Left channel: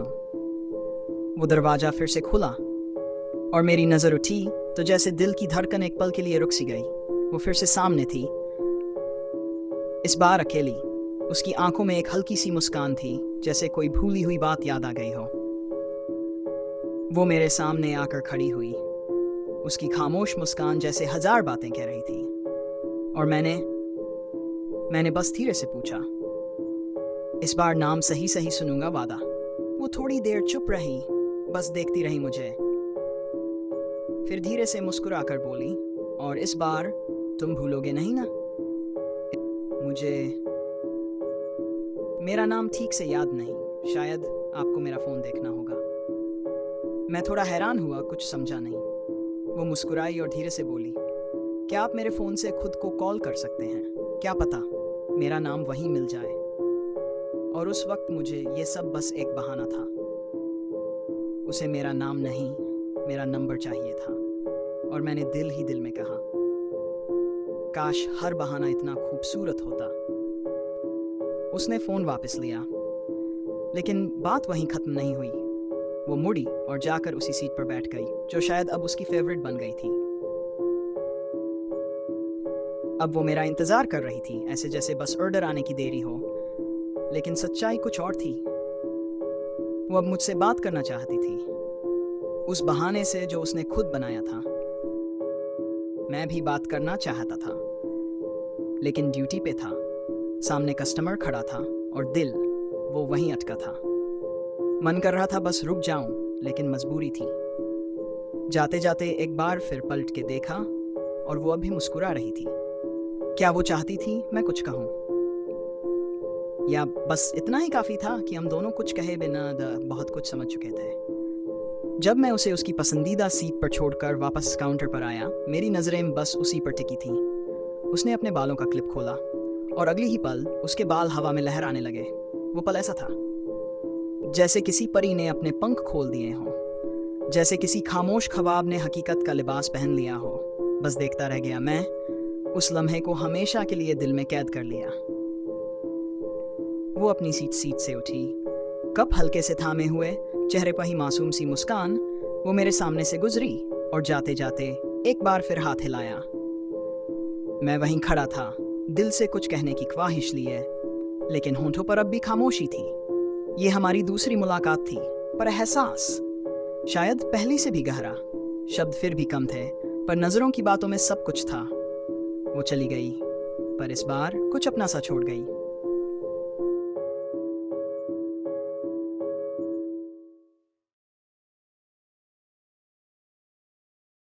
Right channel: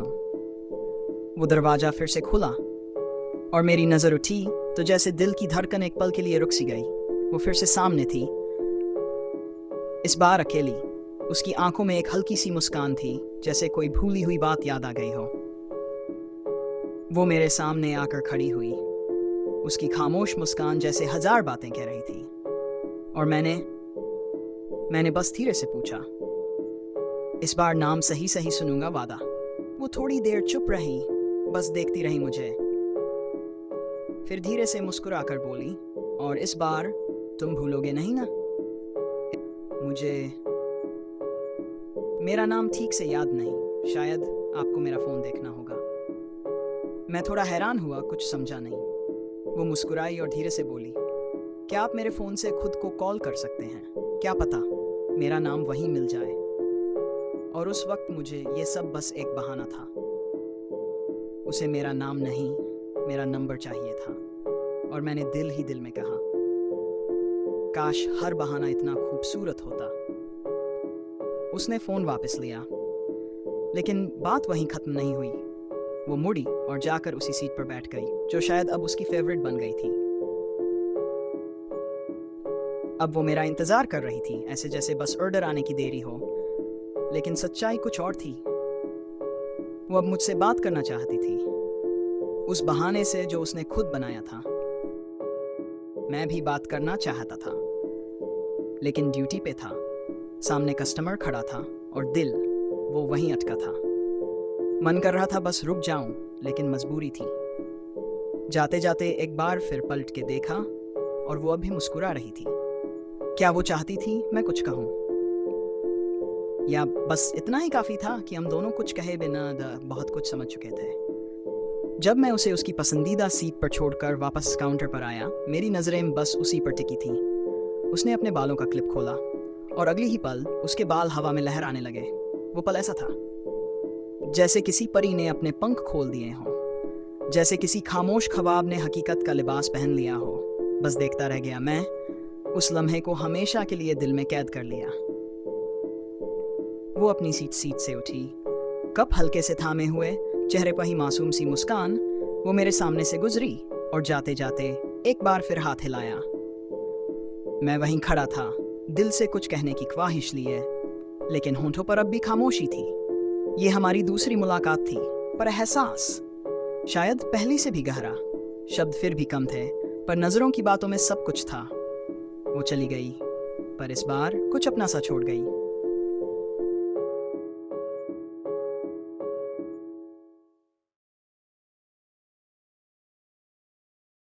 वो दरवाजा फिर से खुला और मेरी नज़र उठी तो जैसे दिल की धड़कन एक पल के लिए रुक सी गई। वो फिर से सामने थी, इस बार अकेली। उसकी आंखों में एक हल्की सी मुस्कान थी, जैसे कोई भूली हुई बात याद आ गई हो। वो मेरे सामने आकर खड़ी हुई, उसकी खामोश मुस्कान जैसे हजार बातें कह रही थी। और मैंने बस धीरे से पूछा, इस बार नाम सही सही सुनूंगा, वादा। वो थोड़ी देर चुप रही, बस देखती रही मुझे। फिर धीरे से मुस्कुराकर बोली, और इस बार तुम भूलोगे नहीं ना? मुझे मेरा नाम ठीक से याद नहीं, शायद आपको मेरा फ़ोन देखना होगा। मैं थोड़ा हैरान हुआ, कुछ समझा नहीं। वो मुस्कुराई और धीरे से बोली, क्या आप मेरे फ़ोन से खुद को कॉल कर सकते हैं? क्या पता मेरा नाम वहीं मिल जाए। और उस वक्त मुझे ये सब बस एक बहाना था। उसे मेरा नाम नहीं, मेरा नंबर चाहिए था। और मैंने दिल ही दिल में कहा, काश हर बहाना इतना खूबसूरत होता। उसने फ़ोन वापस लिया, लेकिन बात वहीं ख़त्म नहीं हुई। वो मुड़ी और जाकर उसी सीट पर बैठ गई, जो शायद अब उसकी फेवरेट बन गई थी। अब वो मेरा इंतज़ार कर रही थी, ऐसे जैसे बस ऑर्डर आने की देरी हो। लेकिन सच्चाई कुछ और थी। वो अब मुझसे बात करना चाहती थी, उस बहाने से जो उसने खुद बनाया था। मैं भी बात करना चाहता था, लेकिन ड्यूटी पे था। सामने कस्टमर खड़ा था और दिल वो वहीं अटका था। मन कर रहा था बस रुक जाऊं, लेकिन मजबूरी थी। जाते जाते एक बार फिर पलट के देखा और वो अभी मुस्कुरा रही थी। क्या वो चाहती थी मैं कुछ कहूं, या बस इतना ही काफ़ी था कि हम दोनों कुछ कहे बिना बहुत कुछ समझ चुके थे? जब मैं उसे उसकी पसंदीदा सीट पर छोड़कर वापस काउंटर पर आया, मेरी नज़रें बस उसी पर टिकी थीं। उसने अपने बालों का क्लिप खोला और अगली ही पल उसके बाल हवा में लहराने लगे। वो पल ऐसा था जैसे किसी परी ने अपने पंख खोल दिए हों, जैसे किसी खामोश ख्वाब ने हकीकत का लिबास पहन लिया हो। बस देखता रह गया मैं, उस लम्हे को हमेशा के लिए दिल में कैद कर लिया। वो अपनी सीट से उठी, कप हल्के से थामे हुए, चेहरे पर ही मासूम सी मुस्कान। वो मेरे सामने से गुजरी और जाते जाते एक बार फिर हाथ हिलाया। मैं वहीं खड़ा था, दिल से कुछ कहने की ख्वाहिश लिए, लेकिन होंठों पर अब भी खामोशी थी। ये हमारी दूसरी मुलाकात थी, पर एहसास शायद पहली से भी गहरा। शब्द फिर भी कम थे, पर नजरों की बातों में सब कुछ था। वो चली गई, पर इस बार कुछ अपना सा छोड़ गई।